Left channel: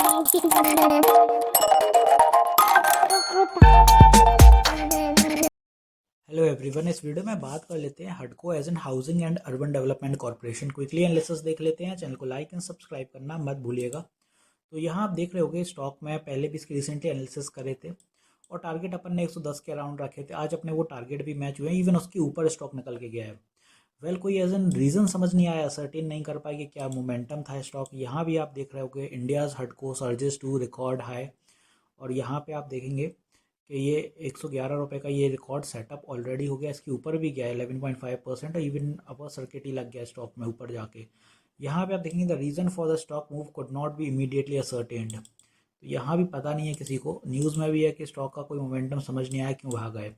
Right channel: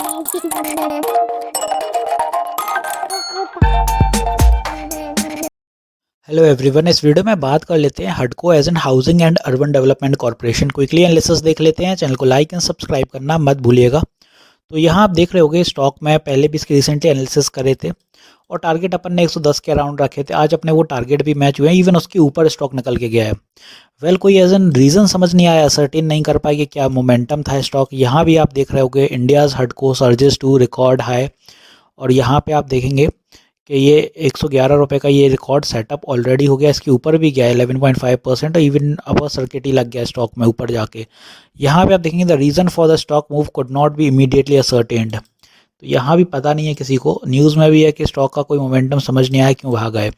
Hello everyone, इस video में बात कर लेते हैं हडको as in housing and urban development corporation. Quickly analysis देख लेते हैं। चैनल को लाइक एंड सब्सक्राइब करना मत भूलिएगा। तो यहाँ आप देख रहे होंगे स्टॉक में पहले भी इसके रिसेंटली एनालिसिस करे थे और टारगेट अपन ने 110 के अराउंड रखे थे। आज अपने वो टारगेट भी मैच हुए हैं, इवन उसके ऊपर स्टॉक निकल के गया है। कोई एज एन रीज़न समझ नहीं आया, सर्टेन नहीं कर पाए कि क्या मोमेंटम था स्टॉक। यहाँ भी आप देख रहे होंगे इंडियाज़ हडको सर्जेस टू रिकॉर्ड हाई, और यहाँ पे आप देखेंगे कि ये 111 रुपये का ये रिकॉर्ड सेटअप ऑलरेडी हो गया। इसके ऊपर भी गया 11.5% और इवन अपर सर्किट ही लग गया स्टॉक में ऊपर जाके। यहाँ पे आप देखेंगे the reason for the stock move could not be immediately ascertained. तो यहाँ भी पता नहीं है किसी को। न्यूज़ में भी है कि स्टॉक का कोई मोमेंटम समझ नहीं आया क्यों भाग गए।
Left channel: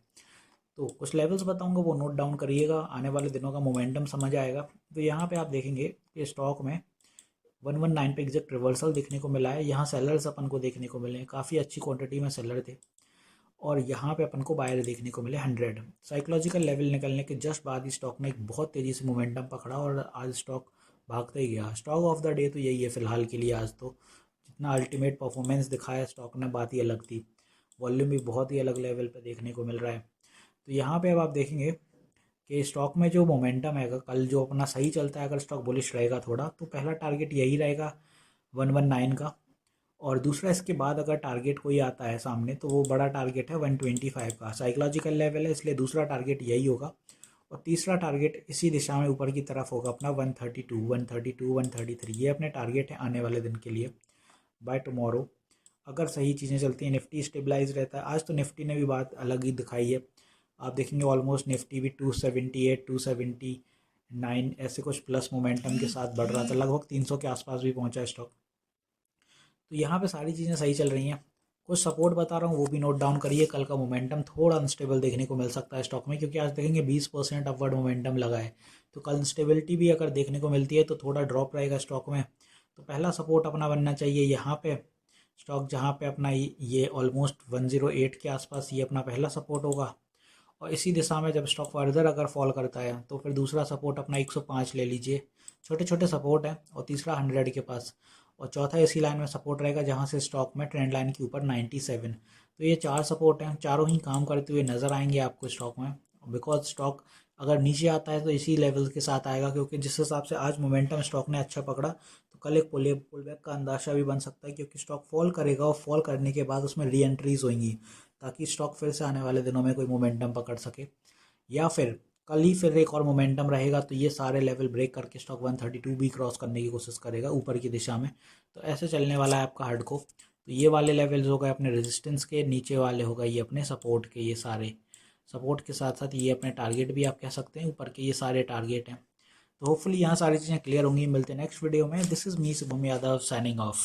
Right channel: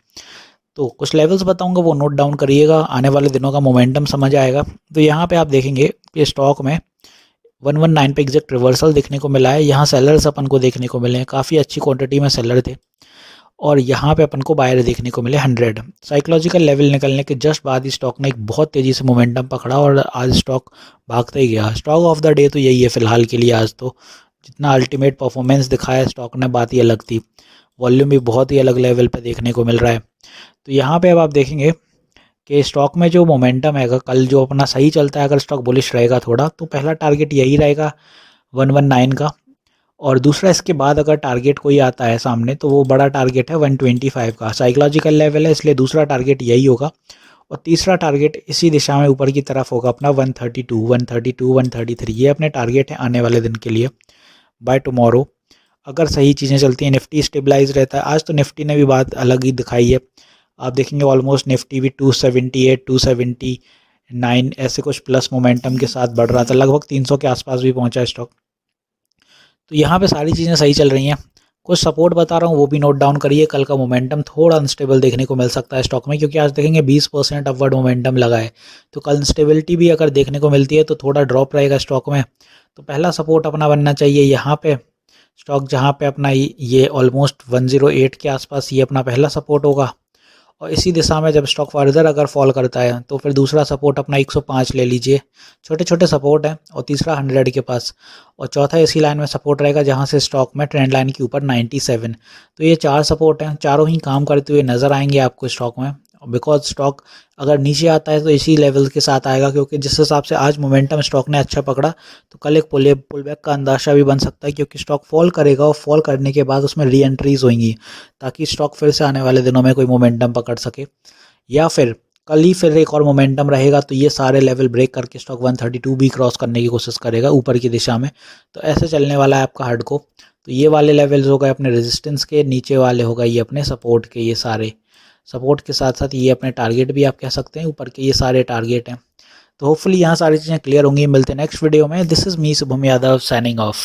तो कुछ लेवल्स बताऊंगा, वो नोट डाउन करिएगा, आने वाले दिनों का मोमेंटम समझ आएगा। तो यहाँ पे आप देखेंगे कि स्टॉक में 119 पे एग्जैक्ट रिवर्सल देखने को मिला है। यहाँ सेलर्स अपन को देखने को मिले हैं, काफ़ी अच्छी क्वांटिटी में सेलर थे। और यहाँ पे अपन को बायर देखने को मिले 100। साइकोलॉजिकल लेवल निकलने के जस्ट बाद ही स्टॉक ने एक बहुत तेज़ी से मोमेंटम पकड़ा और आज स्टॉक भागते ही गया। स्टॉक ऑफ द डे तो यही है फ़िलहाल के लिए। आज तो जितना अल्टीमेट परफॉर्मेंस दिखाया स्टॉक ने, बात ही अलग थी। वॉल्यूम भी बहुत ही अलग लेवल पे देखने को मिल रहा है। तो यहाँ पे अब आप देखेंगे कि स्टॉक में जो मोमेंटम है, कल जो अपना सही चलता है, अगर स्टॉक बुलिश रहेगा थोड़ा, तो पहला टारगेट यही रहेगा 119 का। और दूसरा इसके बाद अगर टारगेट कोई आता है सामने तो वो बड़ा टारगेट है 125 का। साइकोलॉजिकल लेवल है, इसलिए दूसरा टारगेट यही होगा। और तीसरा टारगेट इसी दिशा में ऊपर की तरफ होगा अपना 132, 132, 133। ये अपने टारगेट हैं आने वाले दिन के लिए बाय टुमारो, अगर सही चीज़ें चलती हैं। निफ्टी स्टेबलाइज रहता है। आज तो निफ्टी ने भी बात अलग ही दिखाई है। आप देखेंगे ऑलमोस्ट निफ्टी भी 278, 279 ऐसे कुछ प्लस मोमेंटम के साथ बढ़ रहा था, लगभग 300 के आसपास भी पहुंचा स्टॉक। तो यहाँ पे सारी चीज़ें सही चल रही हैं। कुछ सपोर्ट बता रहा हूँ, वो भी नोट डाउन करिए। कल का मोमेंटम थोड़ा अनस्टेबल देखने को मिल सकता है स्टॉक में, क्योंकि आज देखेंगे 20% अपवर्ड मोमेंटम लगा है। तो कल इंस्टेबिलिटी भी अगर देखने को मिलती है तो थोड़ा ड्रॉप रहेगा स्टॉक में। तो पहला सपोर्ट अपना बनना चाहिए यहाँ पे स्टॉक, जहाँ पे अपना ये ऑलमोस्ट 108 के आसपास ये अपना पहला सपोर्ट होगा। और इसी दिशा में जब स्टॉक फर्दर अगर फॉल करता है तो फिर दूसरा सपोर्ट अपना 105 ले लीजिए। छोटे छोटे सपोर्ट हैं। और तीसरा 100 के पास। और चौथा इसी लाइन में सपोर्ट रहेगा जहां से स्टॉक में ट्रेंड लाइन के ऊपर 97। तो ये 4 सपोर्ट हैं, चारों ही काम करते हुए नज़र आएंगे आपको स्टॉक में। बिकॉज स्टॉक अगर नीचे आता है तो इसी लेवल के साथ आएगा, क्योंकि जिस हिसाब से आज मोमेंटम स्टॉक ने अच्छा पकड़ा तो कल एक पुल बैक का अंदाजा भी बन सकता है, क्योंकि स्टॉक फॉल करेगा और फॉल करने के बाद उसमें री एंट्रीज होंगी, ताकि स्टॉक फिर से आने वाले दिनों में कोई मोमेंटम पकड़ सके। या फिर कल ही फिर एक और मोमेंटम रहेगा तो ये सारे लेवल ब्रेक करके स्टॉक 132 भी क्रॉस करने की कोशिश करेगा ऊपर की दिशा में। तो ऐसे चलने वाला है आपका हडको। तो ये वाले लेवल्स हो गए अपने रेजिस्टेंस के, नीचे वाले हो गए ये अपने सपोर्ट के। ये सारे सपोर्ट के साथ साथ ये अपने टारगेट भी आप कह सकते हैं, ऊपर के ये सारे टारगेट हैं। तो होपफुली यहाँ सारी चीज़ें क्लियर होंगी। मिलते हैं नेक्स्ट वीडियो में। This is me Shubham Yadav signing off.